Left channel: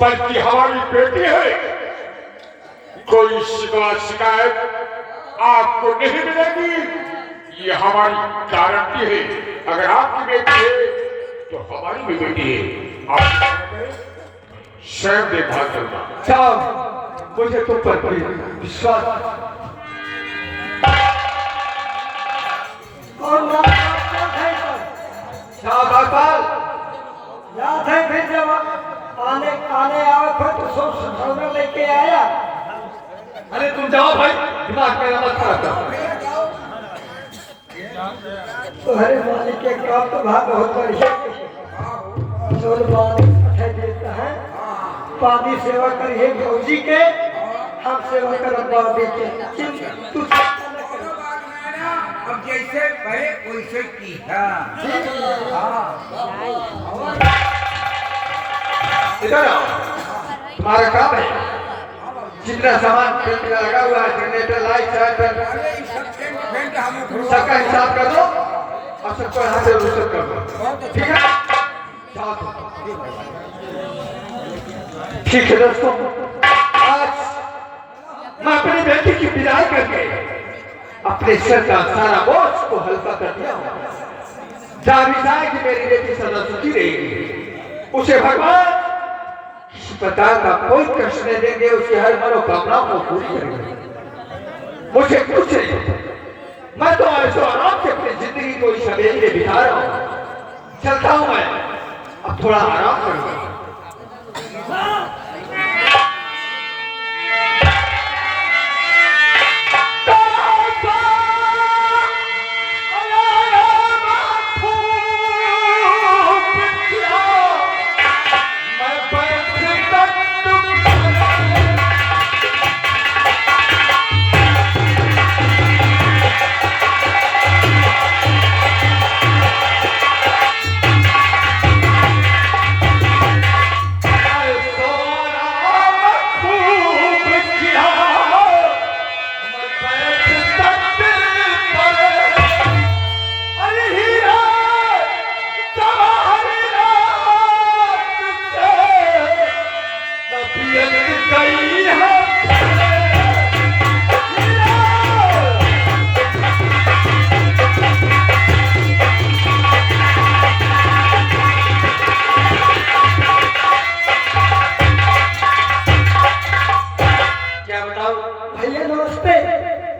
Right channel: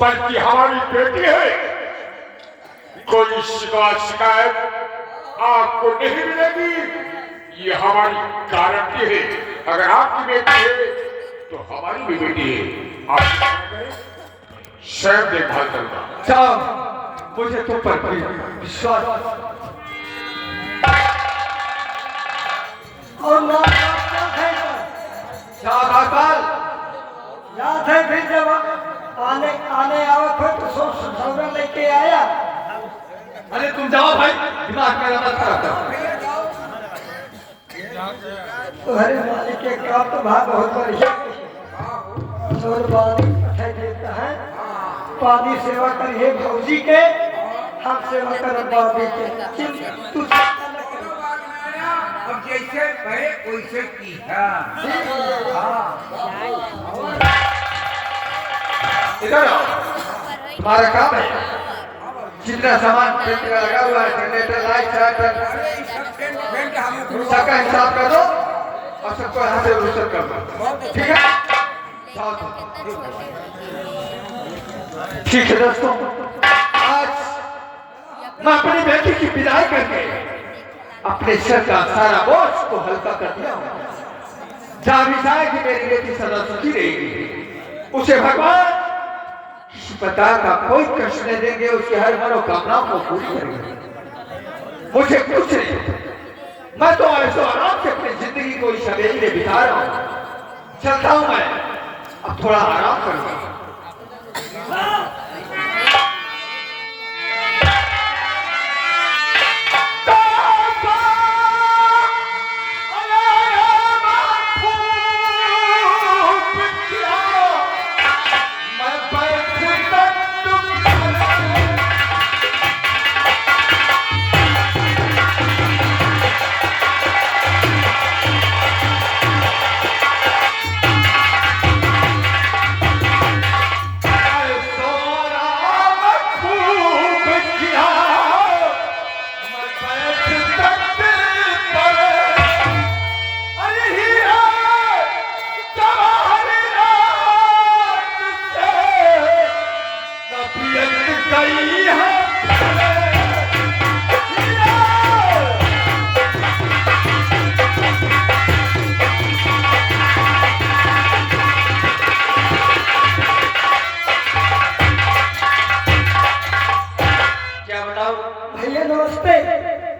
बल्कि हमारी बेटी है। कोई शिकायत आपको नहीं मिलेगी, ये हमारी गारंटी है। अगर आपकी बेटी है तो हमारी भी बेटी है। आप स्वयं देखभाल करना। साहब मुझे तो पर कोई विश्वास लात है फिर जब आने आने आवे फिर तो सोच समझ लेके आया। अरे तुम जाओ भाई, दिमाग मेरा मत खराब करो। तुम्हारे मालिक के काम तो भाग बहुत बढ़िया जोर बात अच्छा देता है। पादी सेवा करिए भौजी के, हम सेवा कर बाबी के। तू अब जैसे कहे वैसे की है। इधर आओ, तुम्हारा काम है। जितना सामान पेट का लगा हुआ है, जनरेटर, लाइट, सबका हिसाब कर दो और सबको यहाँ से रिसीव कर दो, ठीक है? ठीक है दोस्तों, आज मैं अपनी बेटी की विदाई करके अपने सर का सारा बोझ को हल्का कर दिया। जानी जाए कि मेरी बेटी सदा सुखी रहेगी, उसे भगवान किसी प्रकार का कोई कष्ट नहीं देंगे, उसकी हर मनोकामनाओं को पूरी करेंगे। मुझे कुछ नहीं, मैं तो ऐसे आराम से अपनी जिंदगी को इस हवेली में बिता रहा हूँ। चलता हूँ मैं, अब थोड़ा आराम करूँगा।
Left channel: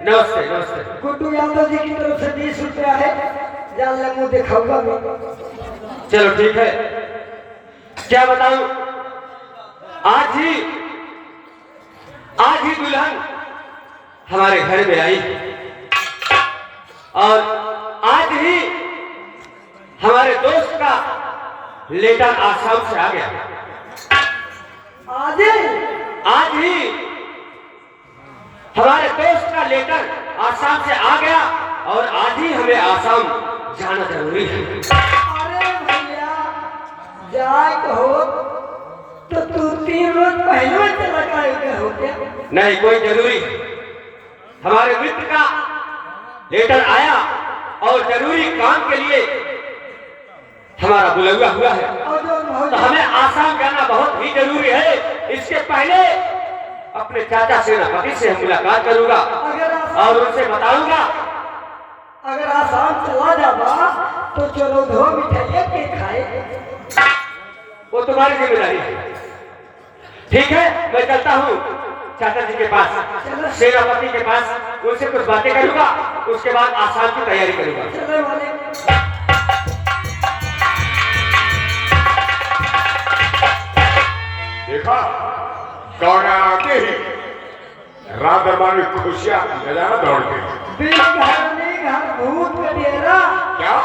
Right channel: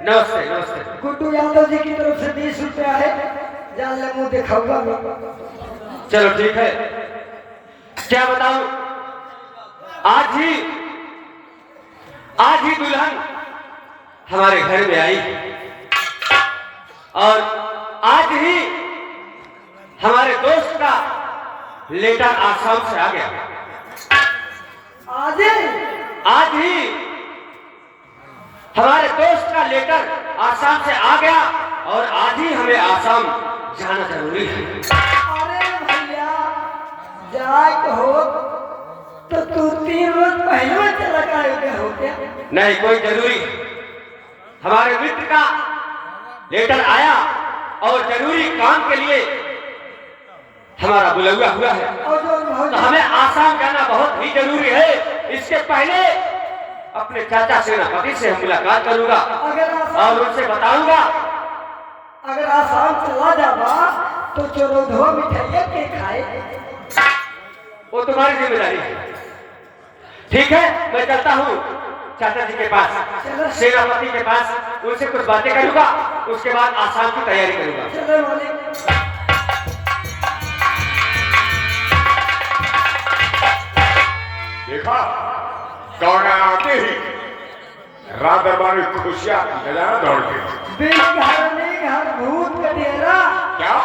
नमस्ते नमस्ते। गुड्डू यादव जी की तरफ से 20 रुपया है, जान ले मुँह दिखाऊंगा मैं। चलो ठीक है, क्या बताऊं, आज ही दुल्हन हमारे घर में आई और आज ही हमारे दोस्त का लेटर आसाम से आ गया। आज ही हमारे दोस्त का लेटर आसाम से आ गया और आज ही हमें आसाम जाना जरूरी है। अरे भैया जात हो तो तू 3 रोज पहले चला गए हो क्या? नहीं, कोई जरूरी, हमारे मित्र का लेटर आया और जरूरी काम के लिए हमारा बुलावा हुआ है, तो हमें आसाम जाना बहुत ही जरूरी है। इसके पहले अपने चाचा सेनापति से हम मुलाकात करूंगा और उनसे बताऊंगा। अगर आसाम चला जावा तो चलो दो मिठाइयाँ के खाए, वो तुम्हारी जिम्मेदारी है। ठीक है, मैं चलता हूँ चाचा जी के पास, सेनापति के पास, उनसे कुछ बातें करूंगा, उसके बाद आसाम की तैयारी करूंगा। देखा कौन आके ही रात दरबार खुशियां जला दौड़ते। बिन घरनी घर भूत कटेरा। क्या?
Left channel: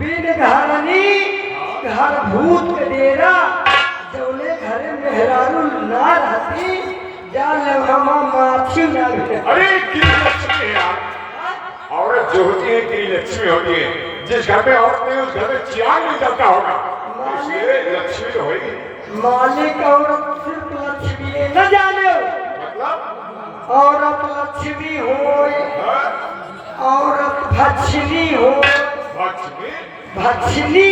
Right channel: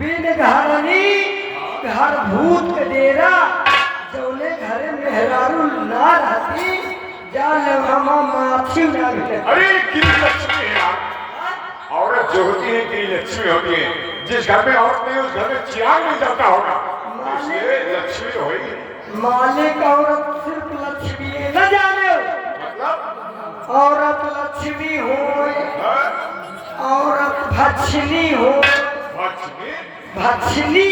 बिन घरनी घर भूत कटेरा, जौले घर मेहरारू ना रहती, जाने मामा माछी ना रहती। अरे कितनी लक्ष्मी है यार, औरत जो होती है कितनी लक्ष्मी होती है। जिस घर में औरत नहीं उस घर में चिराग नहीं जलता होगा, इसलिए लक्ष्मी तो होगी। मालिक औरत सिर्फ लक्ष्मी न जाने, मतलब औरत लक्ष्मी हो, औरत भक्षिणी हो, भक्षिणी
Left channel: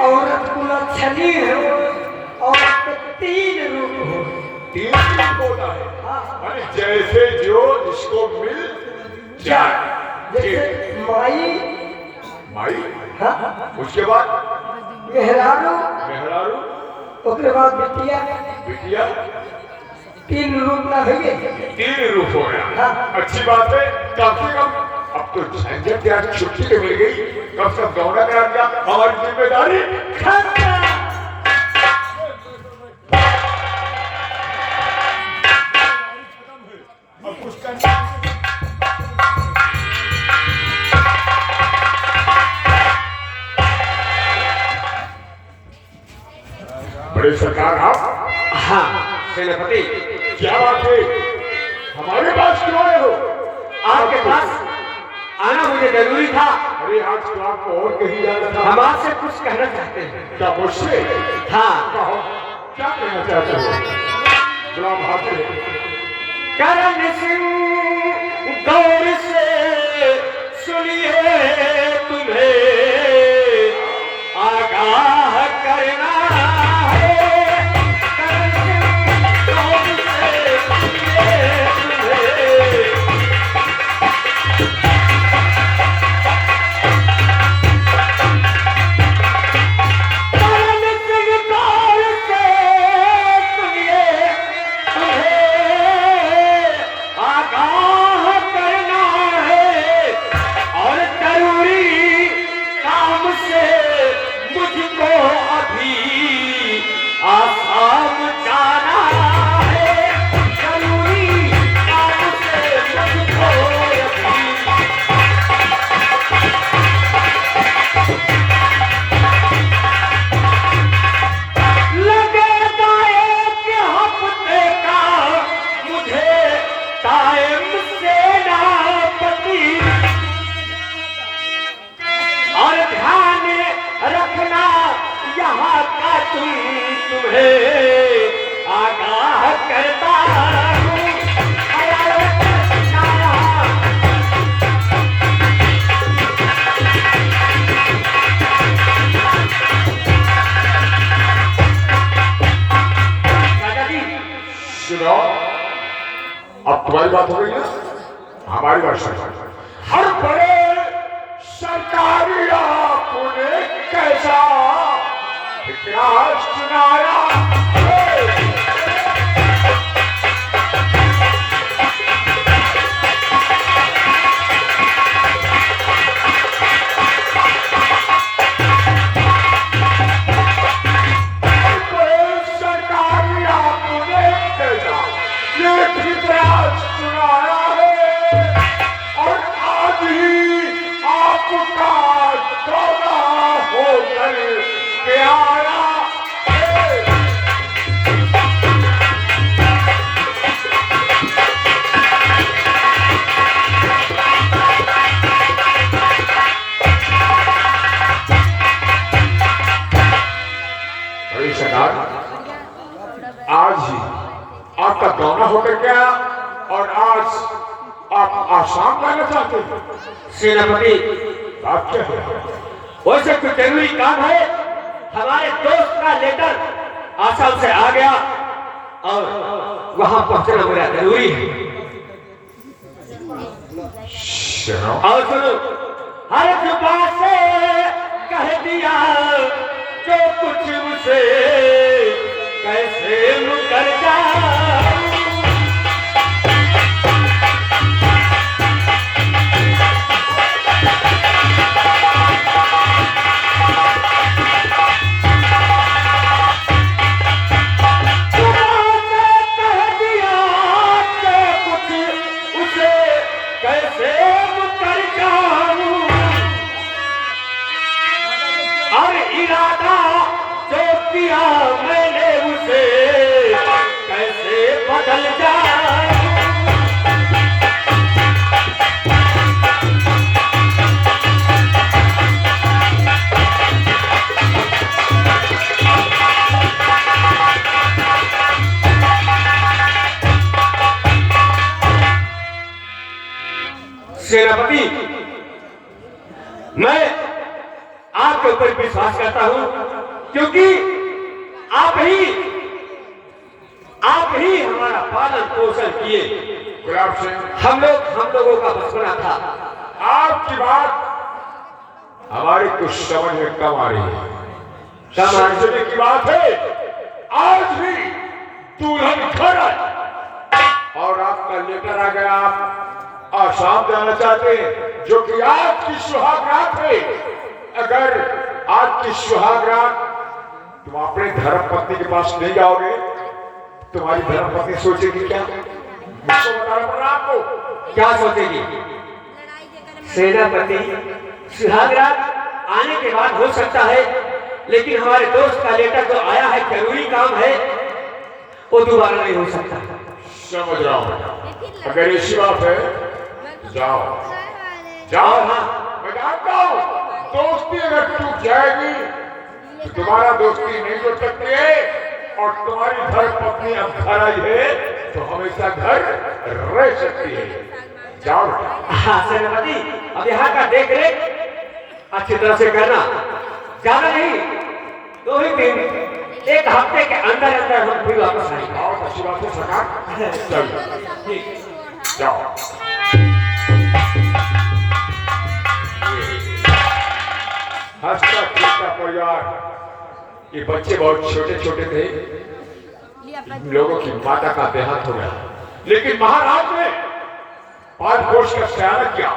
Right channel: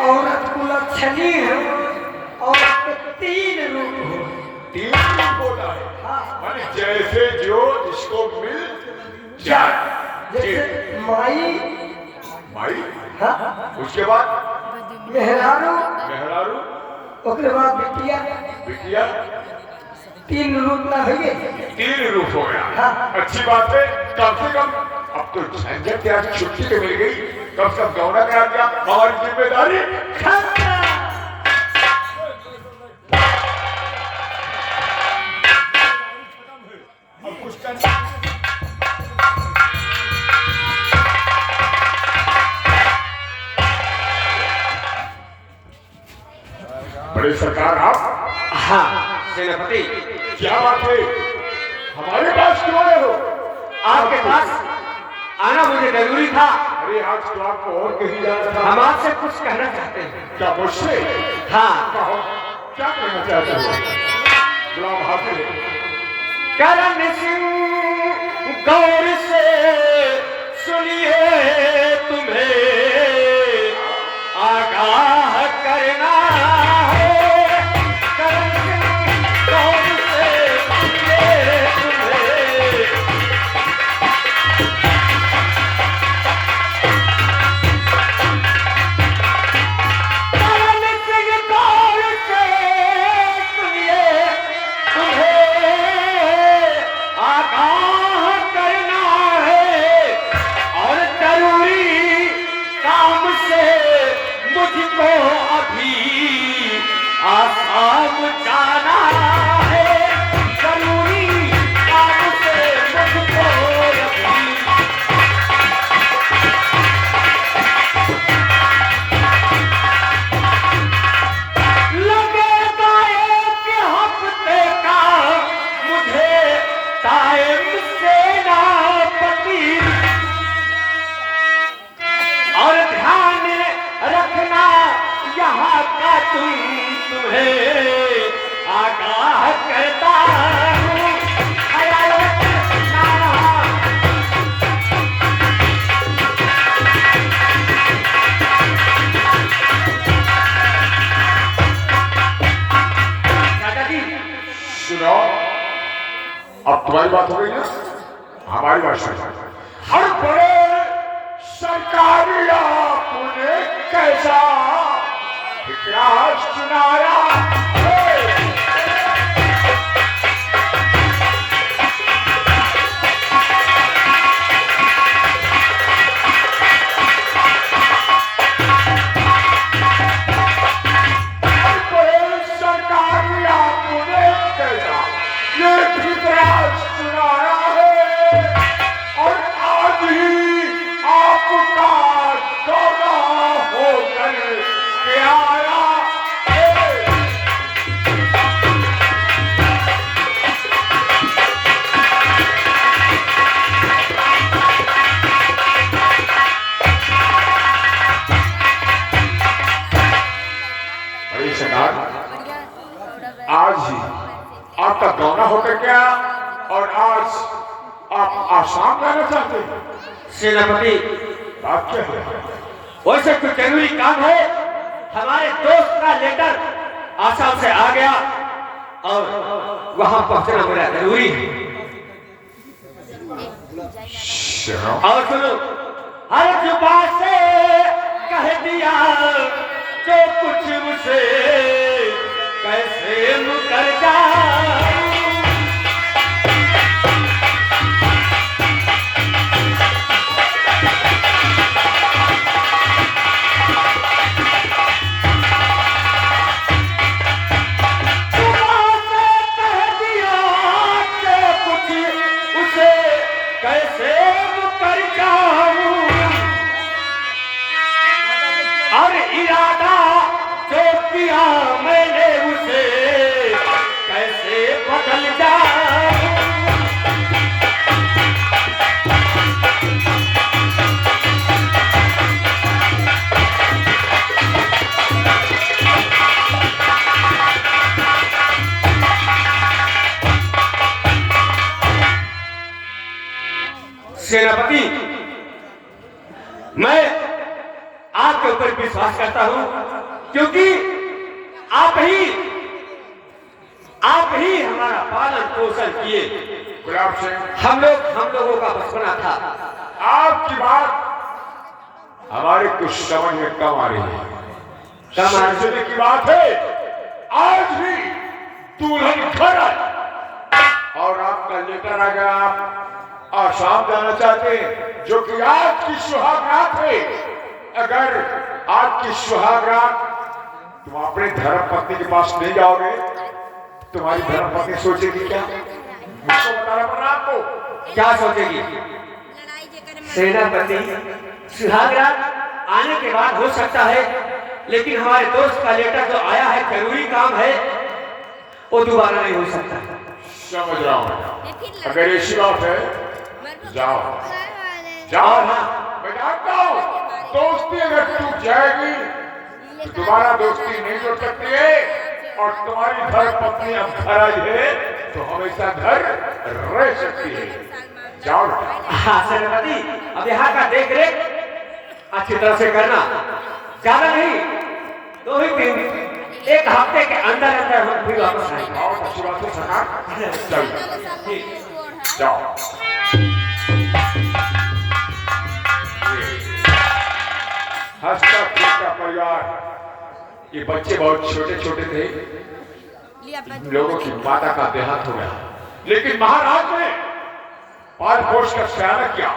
औरत कुलक्षणी हो, औरत 3 रूप हो। 3 रूप होता है, माने जैसे जो जिसको मिल जाए। जैसे माई, माई, हाँ, उसके बाद मेहरारू, मेहरारू, उसके बाद बिटिया, बिटिया, 3 रूप ना भैया। 3 रूप हो गया। अच्छी बात है, कम से कम अब तो झंझट यार छुट्टी तो मिल गई, कब तक दौड़ा कर दिया हमारी जिम्मेदारी खत्म। अब कुछ करना। बड़े सरकार आप, हाँ सेनापति, क्या बात है, हमारे पास क्यों आए हो? आपके पास आना मुझे जरूरी था। अरे आज तो आपको और कहीं जाना था। हम आपसे कुछ कहना चाहते हैं। क्या मुझसे? हाँ, कहो, क्या कहना चाहते हो? गुलाम हाजिर है। करण सिंह गौर से सुनिए, तुम्हें आगाह करना है। करण सिंह गौर से सुनिए, तुम्हें आसाम जाना है, जरूरी काम से मुझको अभी। लगेगा एक हफ्ते का मुझे टाइम सेनापति, और ध्यान रखना यहाँ का तुम्हें आगाह करता हूँ। सुनो, अब तुम्हारी बात हो गई ना, हमारी बात सुनो। हर बड़े सरकारी आपने कैसा इतिहास सुनाया है? हर बड़े सरकारी आपने कैसा ये इतिहास सुनाया है, और आज ही आपका दौरा होकर के आया है। बड़ी सरकार, आज ही आपका दौरा होकर क्या, और आज आप आसाम जाना चाहते हैं? सेनापति, बात क्या है? वैसे कोई जरूरी काम है। हमारे दोस्त का लेटर आसाम से आ गया और वहां पहुंचना मेरा जरूरी है। सुनो, और सुनो, हर जुबान से कह दिया जो कुछ उसे कैसे मुकर जाऊं। जुबान से कह दिया जो कुछ उसे कैसे मुकर जाऊं, और इरादा जो किया मैंने उसे कैसे बदल जाऊं। सेनापति, मैं आपके ऊपर विश्वास करता हूं, क्योंकि आप ही आप ही हमारा पालन पोषण किए। गुलाब सिंह, हम लोगों का बचपना था। आपकी बात हमारी कुछ समझ में कम आ रही है। समझने की बात है, आज भी दुल्हन घर आई और आपका लेटर आ गया, आप आसाम जाना चाहते हैं, जो कि आज की सुहागरात है। अगर आज की सुहागरात तुम अपने धर्म पत्नी के पास नहीं जाओगे, तुम्हारी धर्म पत्नी सोचेगी क्या? मुझको बताना पड़ा आपको। क्या सोचेगी? सेनापति, सुहागरात आने के बाद हो सकता है, लेकिन हमारे दोस्त का लेटर जो आया है, जरूरी काम है, वो दोबारा नहीं हो सकता। समझ रहा हूं। अगर ऐसी बात है, जाओ जाओ। मैं जानता हूं, दोस्ती अगर टूट जाएगी तो दोबारा दोस्ती नहीं जुड़ सकती है। और तुम्हारी घर पत्नी अब घर आई है तो हमेशा घर रह सकती है। जाओ। हाँ सेनापति, अब यहाँ का देख रेख अच्छी तरह से करना। जाना नहीं तो ही दिन, एक हफ्ते के अंदर अंदर हम फिर वापस आएंगे। बहुत अच्छी बात है सरकार। चलिए जाओ। हंसता खेलता परिवार, ये बच्चे बहुत छोटे छोटे थे। इन लोगों की माता का देहांत हो गया, लेकिन महाराज ने पाल पोष का सयाना किया,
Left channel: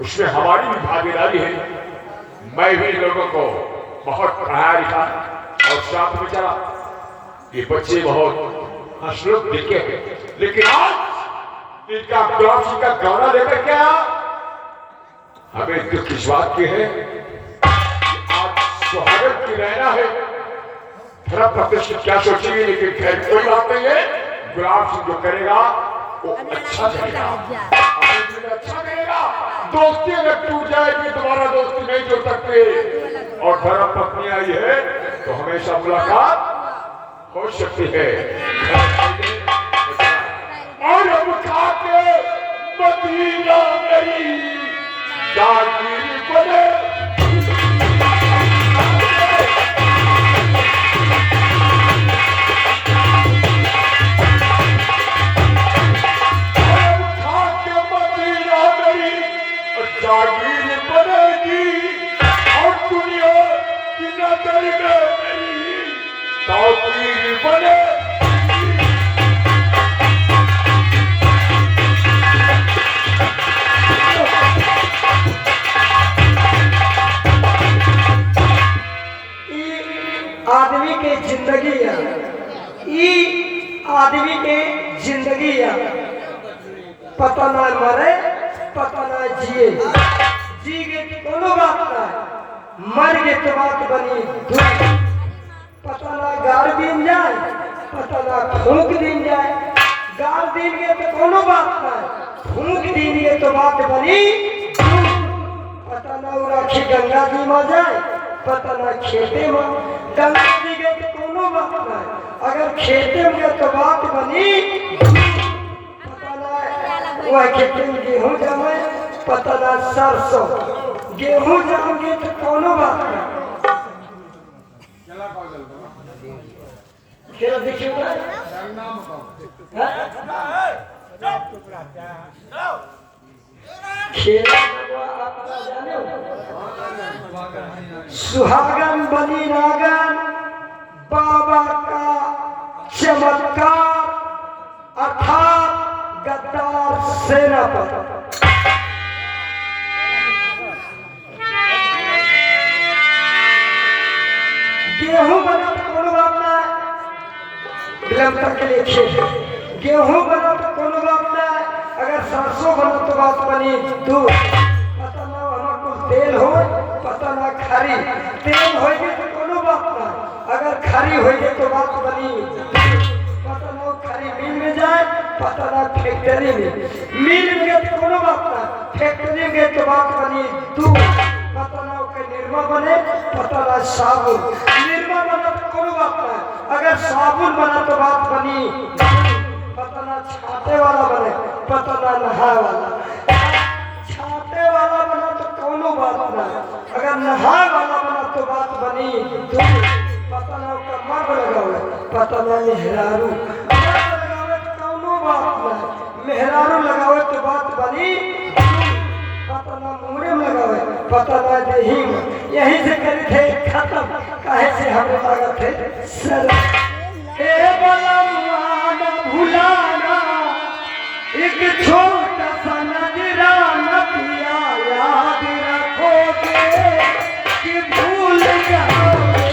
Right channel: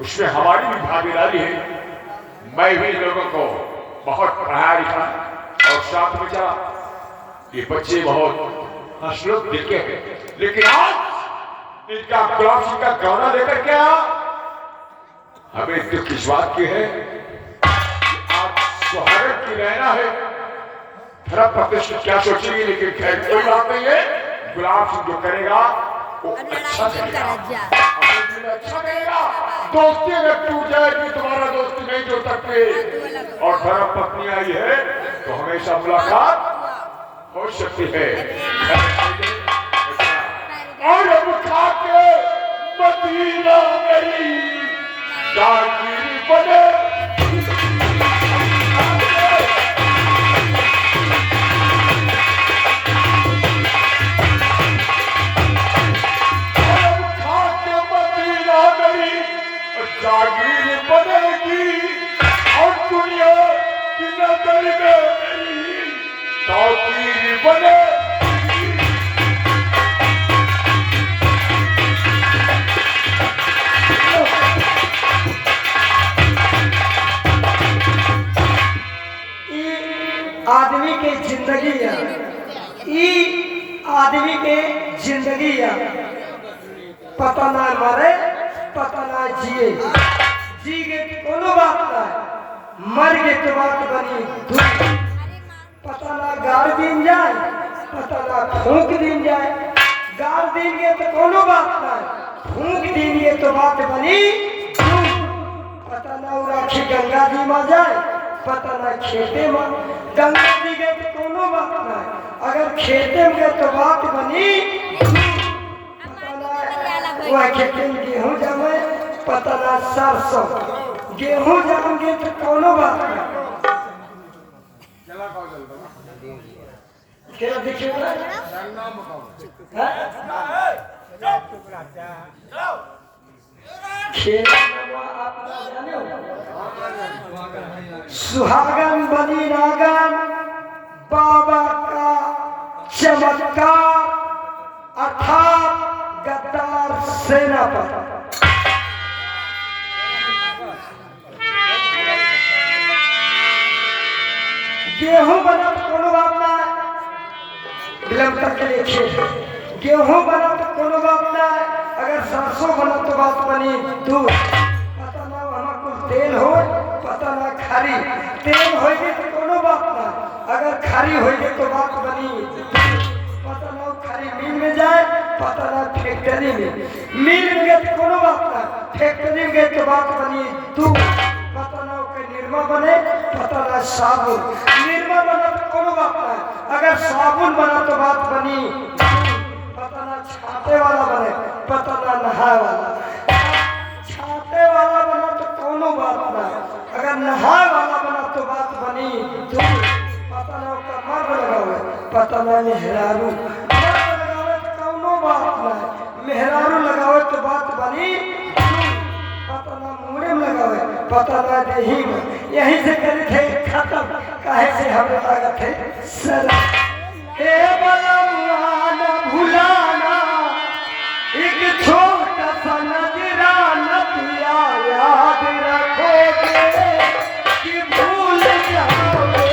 उसमें हमारी भी भागीदारी है। मैं भी लोगों को बहुत पढ़ाया लिखा और साथ में चला। ये बच्चे बहुत हंसलोक देखे हैं, लेकिन आज इनका गुलाब सिंह का गौना लेकर के आया। हमें दुख इस बात की है, आज सुहागरात की रहना है। धर्म प्रतिष्ठा क्या सोचेगी, लेकिन खैर कोई बात नहीं है। गुलाब सिंह जो करेगा वो अच्छा करेगा, अपने दिल में अच्छा करेगा। दोस्ती अगर टूट जाएगी, तुम्हारा दोस्ती नहीं जुड़ सकती। और धर्म पत्नी आई है तो हमेशा मुलाकात हो सकती है। और हम खाके मदीना मेरी जागीर बने। जागीर बनेगी और दुनिया की नजर में मेरी ताकीर बनेगी। आदमी के जिंदगी है, ई आदमी के जिंदगी है। पता ना मरे, पता ना जिए, जी गए तो कोनो बात ना, मर गए तो बात बनी दुख। पता ना गाड़ दिन जाए, पता ना फूंक दिन जाए। गाड़ दिन गए तो कोनो बात ना, फूंक दिन गए तो बात बनी दुख। पता ना राखी गंगा जी में जाए, पता ना खेते में। गंगा जी गए तो कोनो बात ना, अगर खेते में गए तो बात बनी। वह खेते में गेहूं जमे, पता ना सरसों। गेहूं जाओगे तो कोनो बात ना। क्या देखिए सुहागन बनी नागन, बाबा का चमत्कार अर्थात गद्दार सेनापति। गेहूं बना तो कोनो बात ना, विलंबता के लिए खेत। गेहूं बना तो कोनो बात ना, अगर सरसों बना तो बात बनी दूध। पता ना वहाँ कुछ तेल हो, पता ना खरी। तेल होगी तो कोनो बात ना, अगर खरी होगी तो बात बनी। पता ना खरी मिल में जाए, पता ना फैक्ट्री में। मिल में गए तो कोनो बात ना, फैक्ट्री में गए तो बात बनी दूध। पता ना निर्मा बने, पता ना साबुन। निर्मा बना तो कोनो बात ना, अगर साबुन बना तो बात बनी। पता ना छाते वाला बने, पता ना नहाए वाला। छाते वाला बना तो कोनो बात ना, अगर नहाए वाला बना तो बात बनी। पता ना उसका मर्द लगा हुआ, पता ना ये हिलारू। मेहरारू लगावे तो बात बनी, पता ना मुंह में लगावे, पता ना देही में। यही से करे थे खत्म, काहे से हमें लागत है सर। ए बलवा न भुलाना एक छोटा सा नजराना पिया, याद रखोगे कि भूल जाओगे।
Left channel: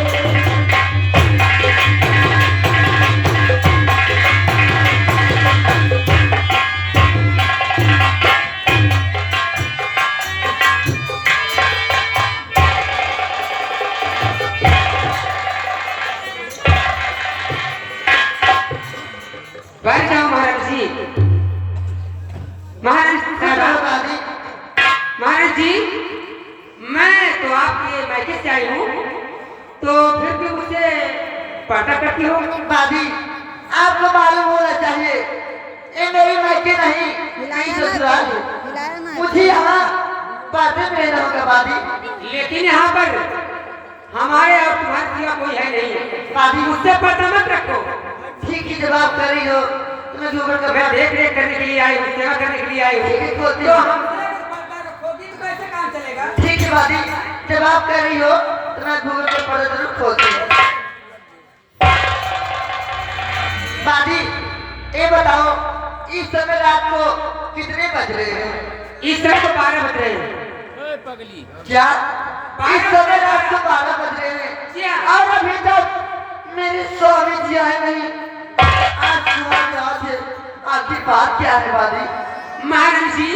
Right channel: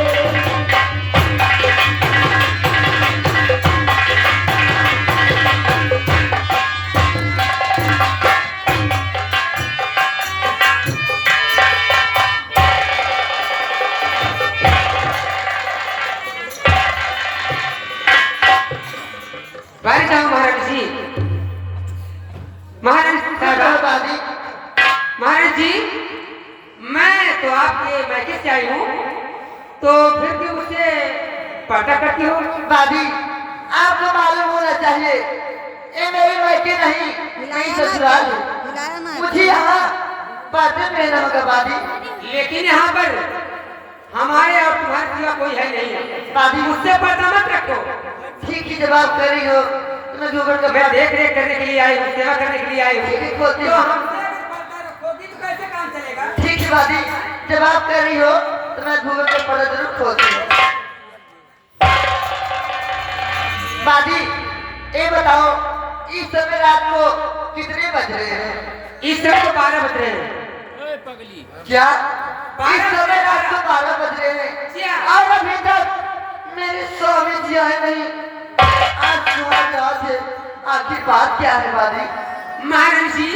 बैठ जाओ महाराज जी। महाराज जी, मैं तो आपके मैके से आई हूँ, तो फिर भी मुझसे पर्दा करती हो। दादी, आपको मालूम होना चाहिए ये मेरी मैके नहीं, नहीं ससुराल है। मुझे यहाँ पर्दे में रहना होगा दादी। लेकिन यहाँ पर हमारे और तुम्हारे सिवा कोई है नहीं। दादी, मुझसे पर्दा मत रखो। ठीक ही जवाब कर रही हो। तुम्हें जो कर मैं देख रेख करने के लिए आई हूँ, सेवा करने के लिए आई हूँ। तो हमसे पर्दा रखोगी तो कैसे काम चलेगा? ठीक है दादी, जवाब कर रही हो तो मैं घूंघट पर पर्दा जरूर खोलती हूँ। दादी, ये बताओ इस समय रात को कितने बज रहे हैं? इस समय तो 12 बज रहे हैं। क्या इस समय रात को 12 बज रहे हैं और अभी तक मेरे स्वामी जी आए नहीं? आज तुम्हारे यहाँ से आखिर बात क्या है दादी? महाराज जी,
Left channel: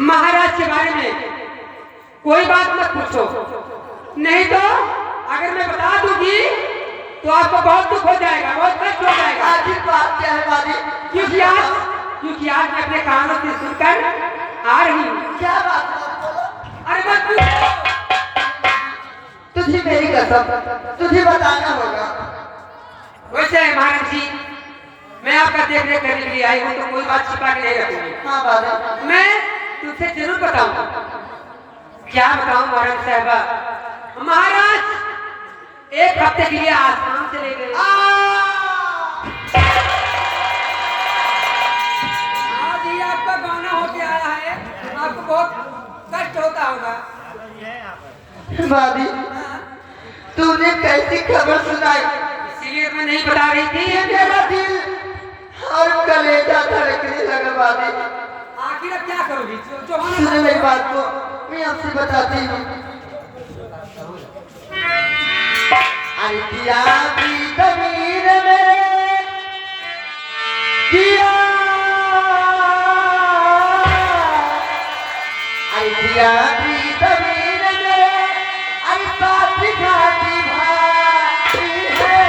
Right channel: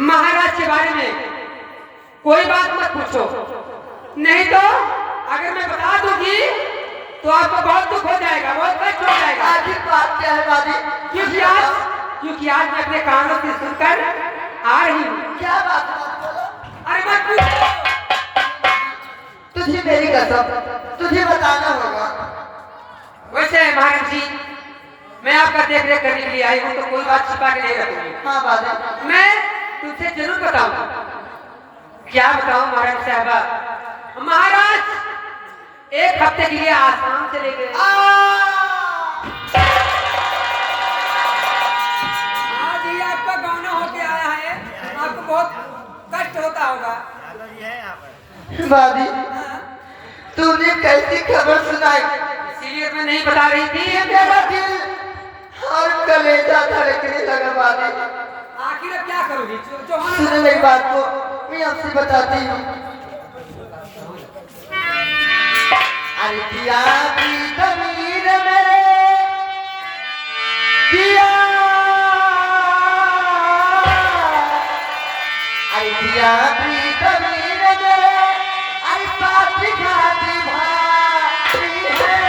महाराज के बारे में कोई बात मत पूछो, नहीं तो अगर मैं बता दूंगी तो आपको बहुत दुख हो जाएगा, बहुत कष्ट हो जाएगा। आखिर बात क्या है दादी? क्योंकि आज मैं अपने कानों से सुनकर आ रही हूँ। क्या बात है बोलो? अरे मत पूछो। तुझे मेरी कसम, तुझे बताना होगा। वैसे महाराज जी, मैं आपका देख रेख करने के लिए आई हूँ, तो कोई बात छिपा के नहीं रखूंगी। हाँ दादी, मैं तुमसे जरूर बताऊंगा। क्या बताऊं महाराज साहबा? महाराज 1 हफ्ते के लिए आसाम चले गए। आज ही आपका गाना होके आया है, आपको बहुत कष्ट होता होगा। दादी, तूने कैसी खबर सुनाई? इसीलिए मैं नहीं बता रही थी। मेरा दिल और कलेजा धड़कने लगा दादी। आखिर अब क्या करोगी? जो होना सुनो मेरी बात को, मैं आपसे बताती हूँ। अरे किया की तमीर में किया, अरे किया की तमीर में, अरे पाती भाती भाती है।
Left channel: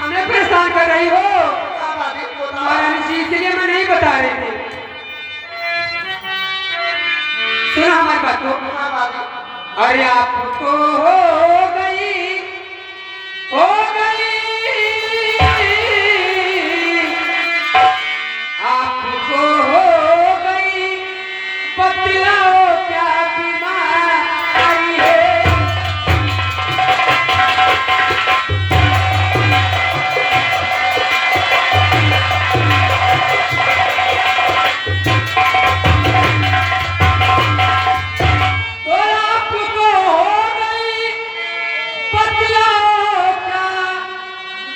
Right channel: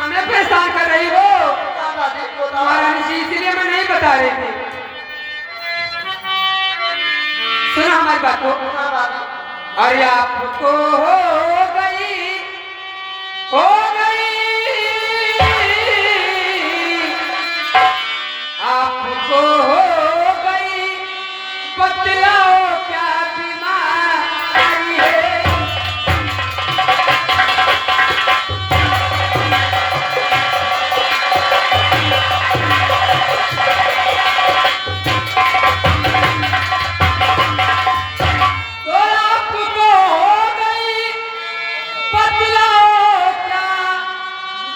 हमें परेशान कर रही हो महाराज, इसलिए मैं नहीं बता रही थी। सुनो हमारी बात को। अरे आपको हो गई आपको हो गई, बतलाओ क्या बीमारी है? तो आपको हो गई, बतलाओ क्या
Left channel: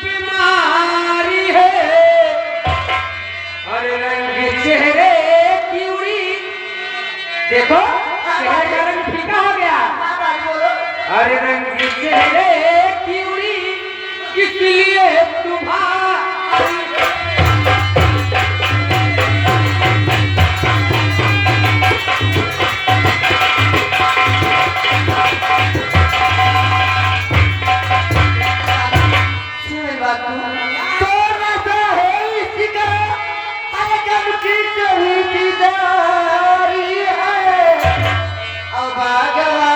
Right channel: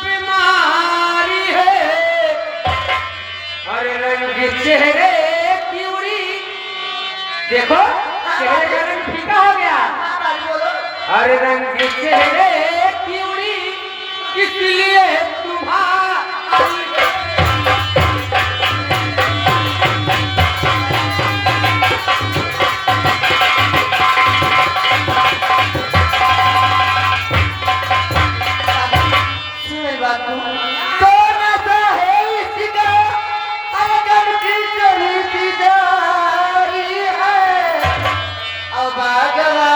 बीमारी है? अरे रंग चेहरे की उड़ी, देखो चेहरे का रंग फीका हो गया। अरे रंग चेहरे की उड़ी, इसलिए तुम्हारी तो नशा है इसका अगर की चलती जा रही है। अब बागवा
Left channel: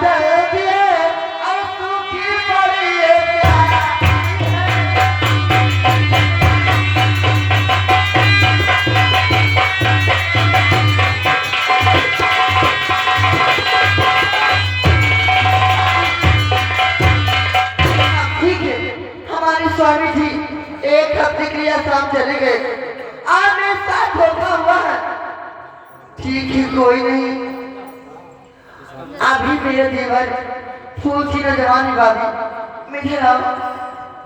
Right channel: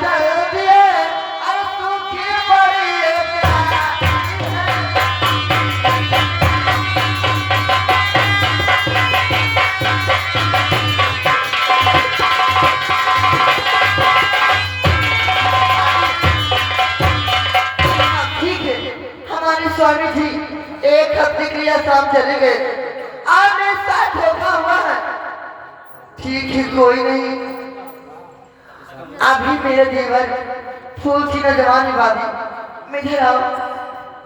चल दिए और सूखी पड़ी ठीक है। हमारे स्वामी जी एक हफ्ते के लिए आसाम चले गए, आज मेरे साथ धोखा हुआ है। ठीक है, कोई नहीं। अभी मेरे देवर फूल की नजरानी भाभी मुझे आओ,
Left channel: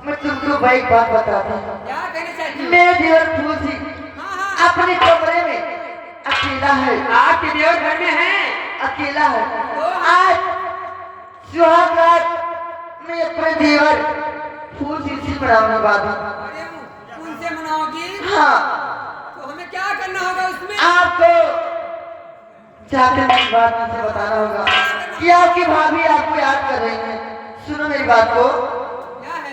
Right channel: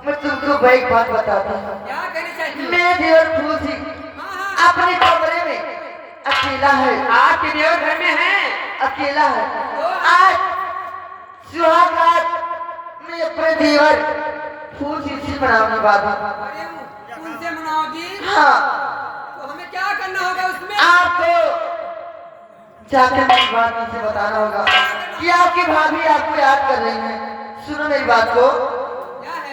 मैं तुमको एक बात बताता हूँ। क्या कहना चाहिए? मेरे देवर फूल जी अपने कमरे में अकेला है, आपके देवर घर में है? अकेला है। आज सुहाग रात में अपने देवर फूल जी से मनाने वाली। उनसे मनाओगी? हाँ, तो हमें क्या करना होगा उसमें? आपको जाकर मेरी बात मुझे बताना होगा कि आपकी भाभी आपको याद कर रही है। सुनो मेरी बात को। क्या है?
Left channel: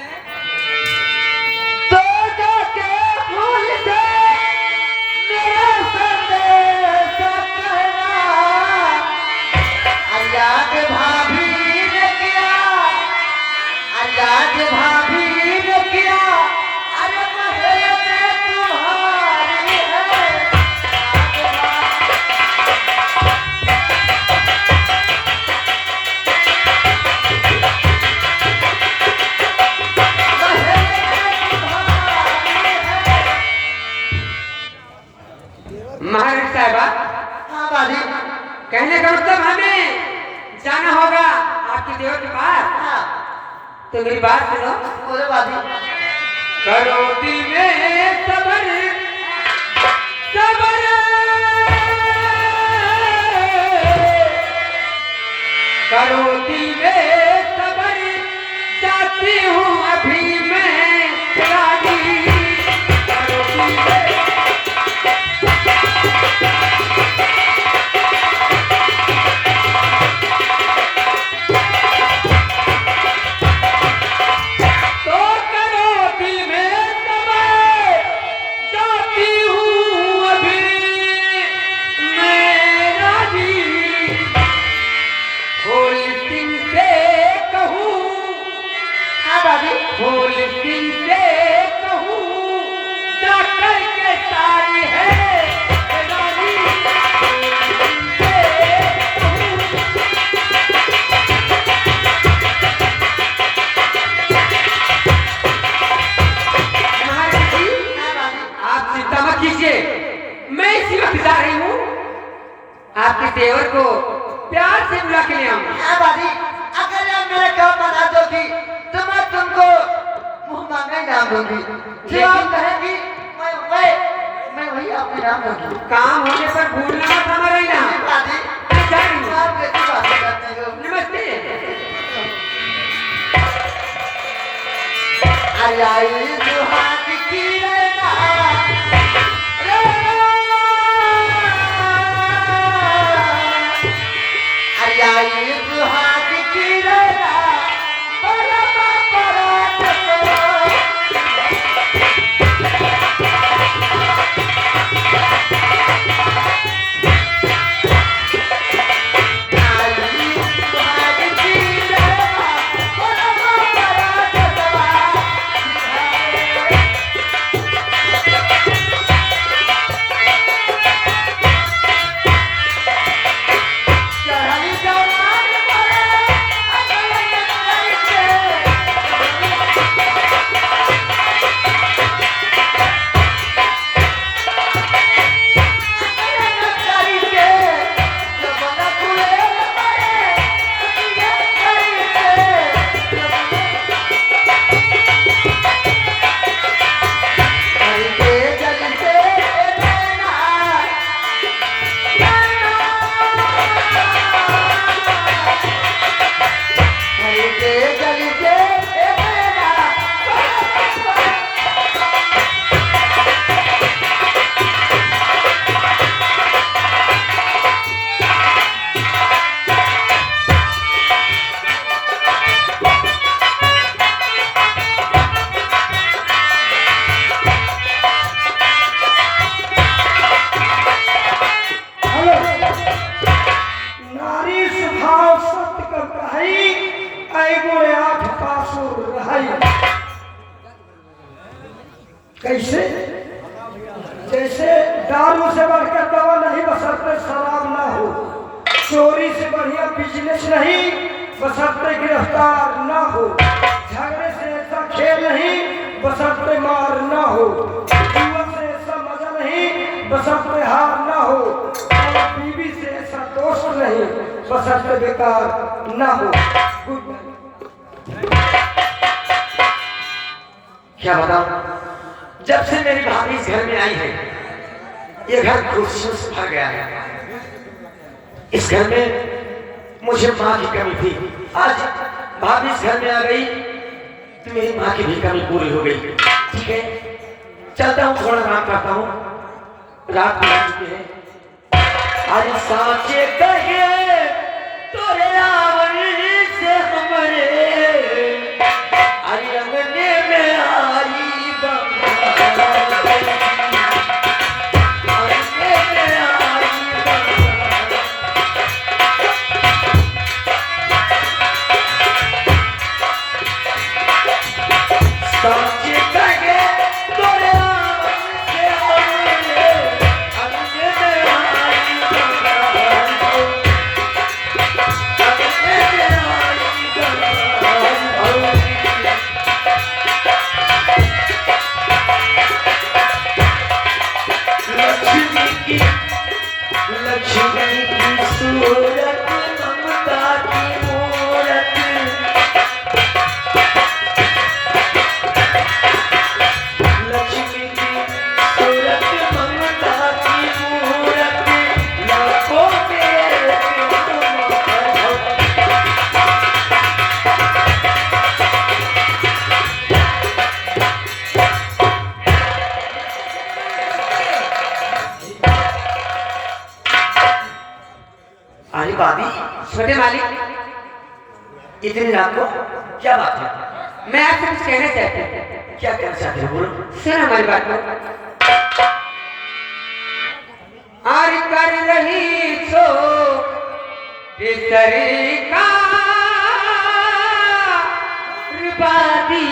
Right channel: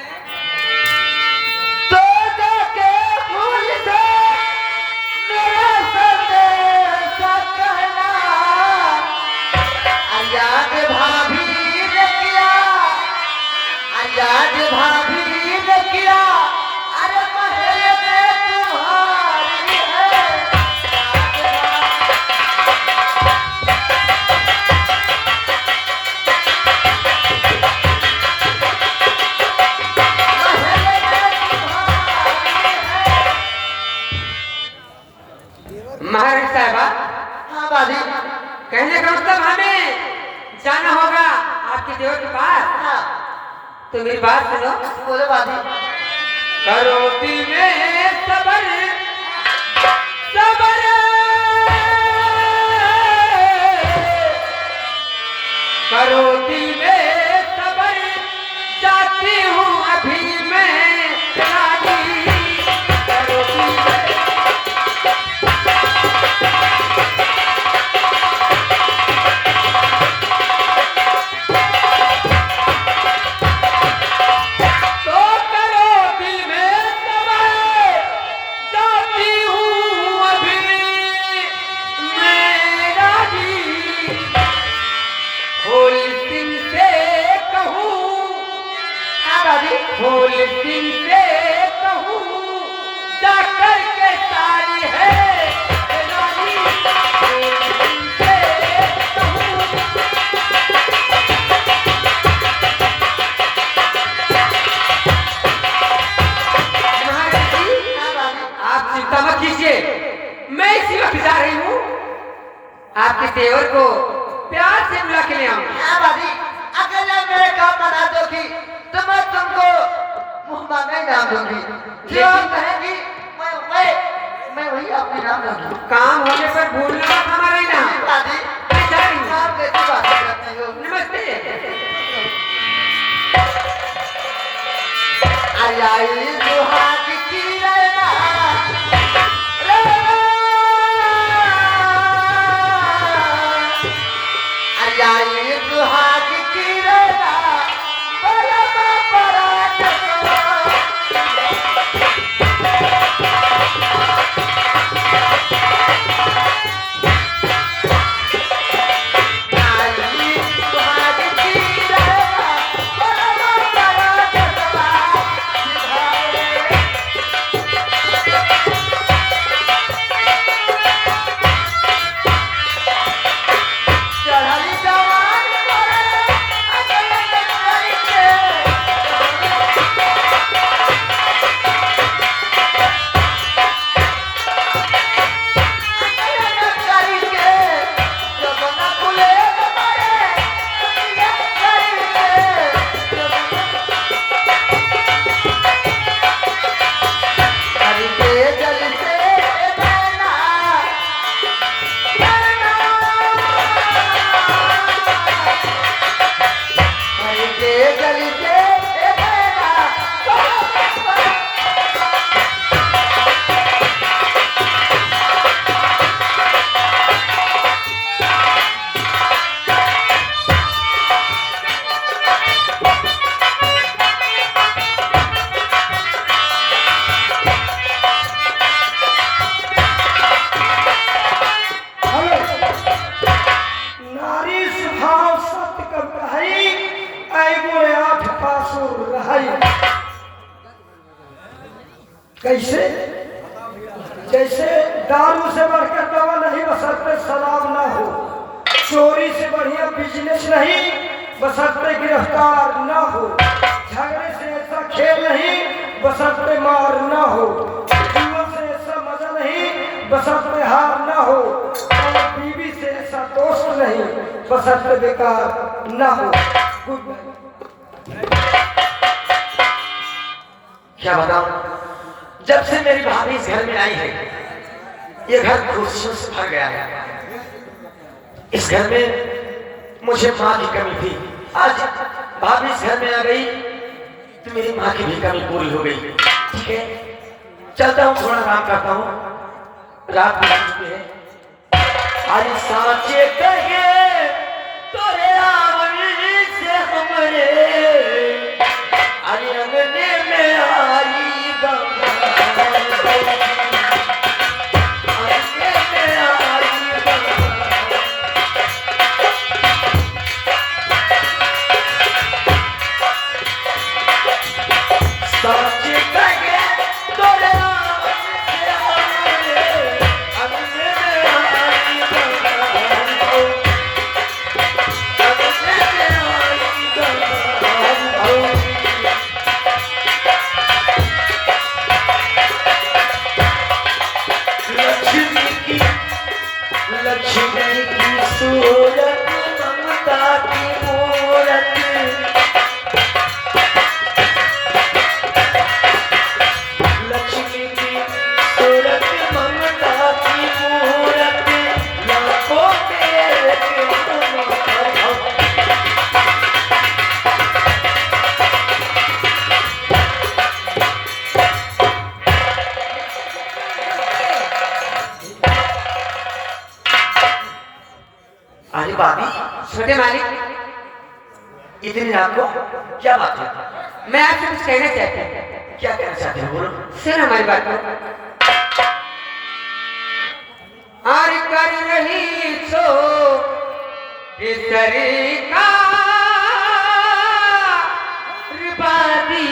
तो जाके भूल से मेरे संदेश कहना, याद भाभी ने किया, याद भाभी ने किया, अरे महल में तुम्हारी है। महाराज साहबा, हाँ बाजी। कहने का मतलब हमें जाना होगा आपके देवर के पास। हाँ, तो मेरी बात सुनो। बोले बाजी। करोती में सबर सबर, करोती में सबर, जाती हूँ अभी मैं रानी। करोती में तो करोती में सबर, जाती हूँ अभी मैं रानी। फूल सिंह से कहूँ, हाँ बाजी। फूल सिंह से कहूँ, जाकर के सारी है रानी। फूल सिंह से कहूँ, महाराज जी, हाँ बाजी। आप चिंता मत कीजिए, मैं इसी वक्त जा रही हूँ। आपके देवर को प्यार से बुला के ले आऊंगा। हाँ बाजी, अगर आप मेरा काम बना दोगी तो मैं तुमको मुँह मांगा नाम दूंगी। जो आप कहेंगी मैं वही आपका नाम दूंगी। काम होने पर भूलना मत हमारा ही नाम। बाजी, मैं जा रही हूँ। आप कैसी बात करते हो? नमस्ते। अलाई सुहाग की लैला, अलाई सुहाग की लैला, बलमा परात को। अलाई सुहाग की लैला, बलमा परात को। चढ़ाई जवान पड़े, अकल करके। अकल करके, जब न खुले पड़े, अकल करके। करके जल से बना, करके जल से बना। आई गुणे 8 पासुर रहाई। कैसे? जैसे दारू से बढ़कर दवा नहीं, बशर्ते शराब ना हो। चोरी से बढ़िया बिजनेस नहीं, बशर्ते गिरफ्तार ना हो। झगड़े से ऐसा खेल नहीं, बशर्ते मार ना हो। जुआ से ऐसा मजा नहीं, बशर्ते हार ना हो। और बीवी से ऐसा दोस्त नहीं, बशर्ते बेकार ना हो। Good night. क्या बताऊं, जब से मेरी भाभी इस घर में आई है, ये घर खुशियों से भर गया है। इस घर में मुझे माँ की कमी थी, आज भाभी इस घर में आ गई तो मेरी माँ की भी कमी पूरी हो गई। ठीक है, चलता हूँ, थोड़ा आराम करता हूँ, रात हो चुकी है। आज साचे कहे तोरे आवनी से हमरे, अरे अंगने में आई लक्ष्मी की सूरत, ममता की मूरत, लक्ष्मी की सूरत, ममता की मूरत, लाखों के अरे भाभी, छोटे मालिक, इतनी रात को क्या बात है? मैं आपसे कुछ कहना चाहता हूँ। क्या कहना चाहते हो, बोलो। सुन हमारी बात को। और कर रही सो इस तरीका रिबादी,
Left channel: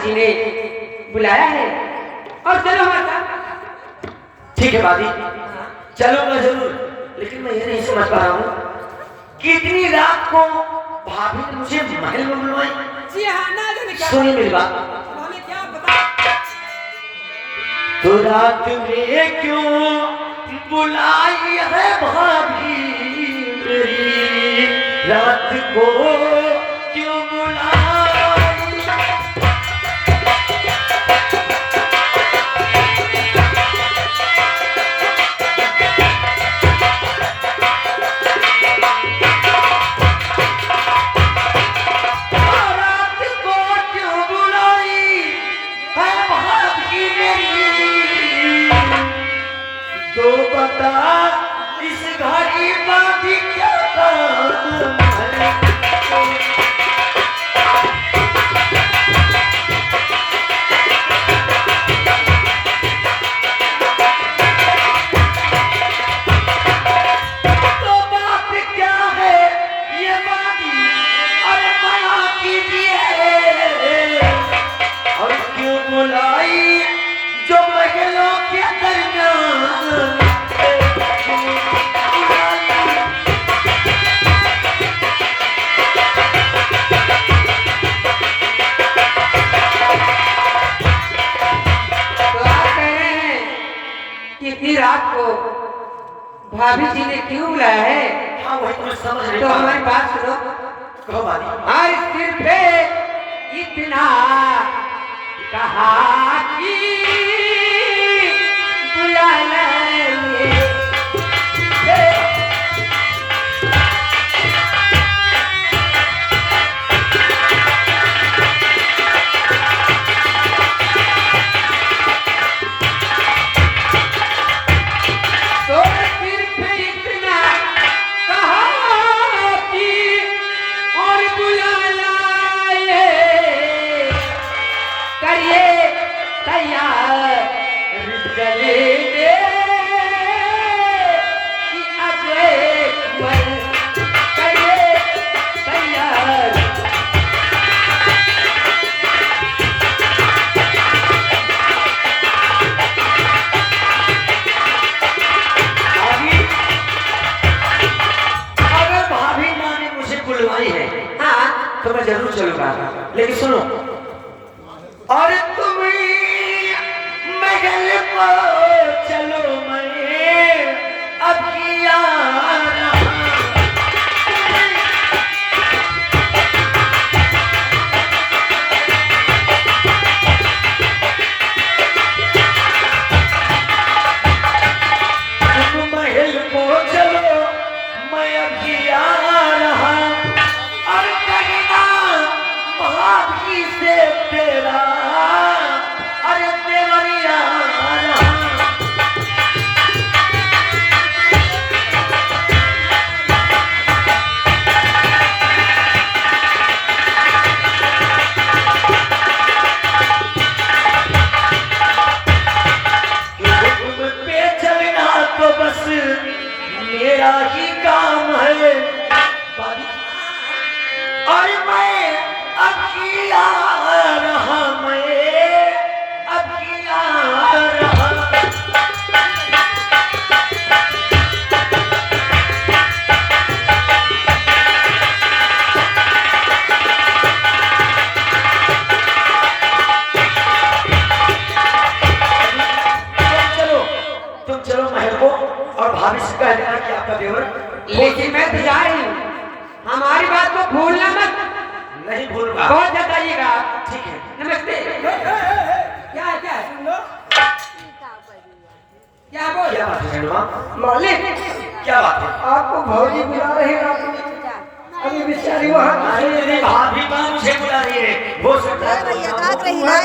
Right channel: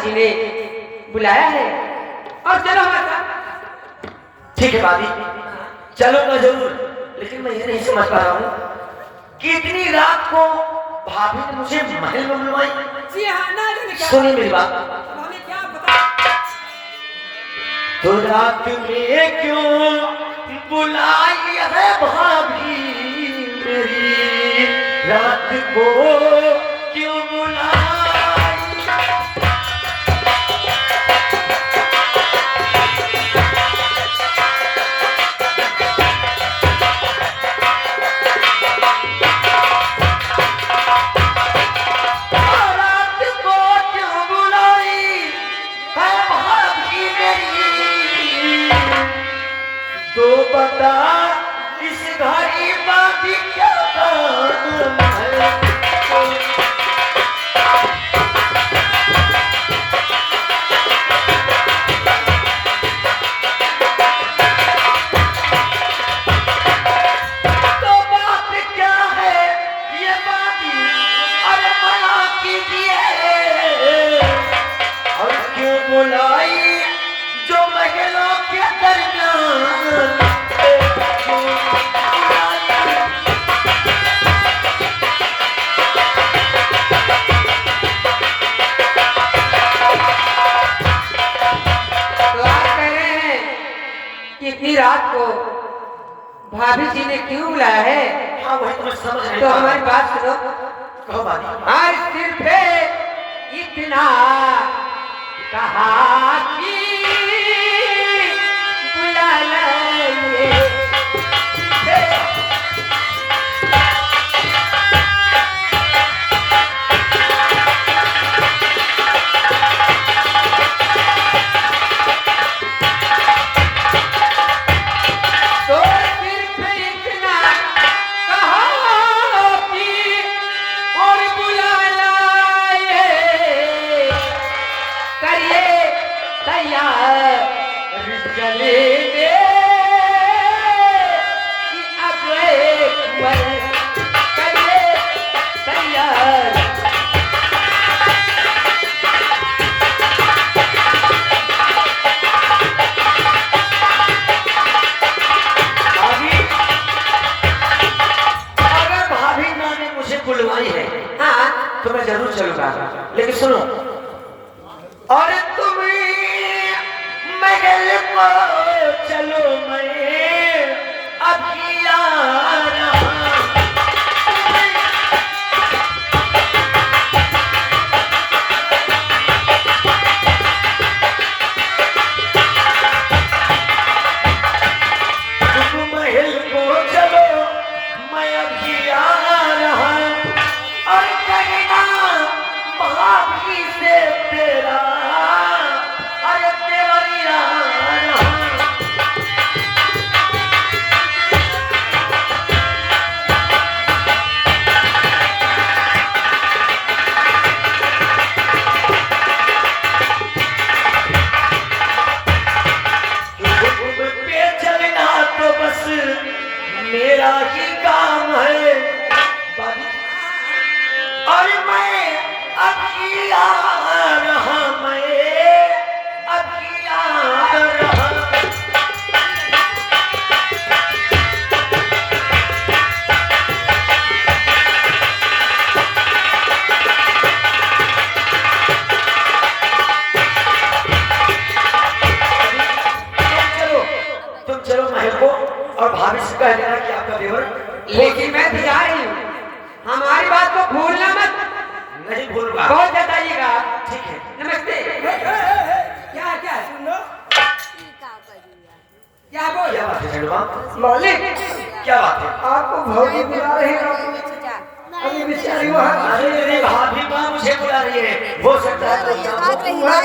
जी ने बुलाया है और चलो हमारे साथ। ठीक है भाभी, चलो मैं जरूर, लेकिन मैं ये नहीं समझ पा रहा हूँ कि इतनी रात को भाभी ने मुझे महल में बुलवाई। जी हाँ, ना जाने क्या सुनिए मेरी बात, हमें क्या पता। तो रात में क्यों बुलाई है भाभी मेरी, रात को क्यों बुलाई। तो बता इस घड़ी बात क्या काम है। कीजिए और क्यों बुलाई जो महलों के दरमियान क्यों बुलाई। तो आप कह रहे हैं कि इतनी रात को भाभी जी ने क्यों बुलाया है? हाँ वही तो मैं समझ तो नहीं पा हमारी रहा। बात सुनो। कहो बानी। हर सिर पे इतना कहा कि बुला लाएंगे। तो सिर पे इतना कहा कि और बुला लाए करिए तैयार चलेंगे कि अब एक बार करिए तैयार। भाभी अगर भाभी माँ ने मुझे बुलवाई है हाँ तो मैं जरूर चलूंगा, लेकिन सुनो और तुम महल को चलो मैं अभी आ रहा। तुम महल को चलो मैं अभी आ रहा और कहना भाभी से तेरा अरे प्यारिया रहा। तुम पे चलना तो बस मेरा ही काम है और मैं अभी आ रहा, मैं अभी आ रहा। तुम चलो महल को और भाभी से कह देना कि आपका देवर लेकिन मैं तो जा रही हूँ, हमारी बात को भूलना मत। नहीं भूलूंगा। बहुत जताइएगा आप। ठीक है। नमस्ते। क्या क्या क्या बोल? क्या बात है चंद्रमा? मालिक क्या बात है? आपको भौजी बुला रहे हैं, आपको अभी बेचारी वहाँ अरे मेरी भाभी माँ मुझे बुला रही है, हो सकता है कोई काम हो। वहाँ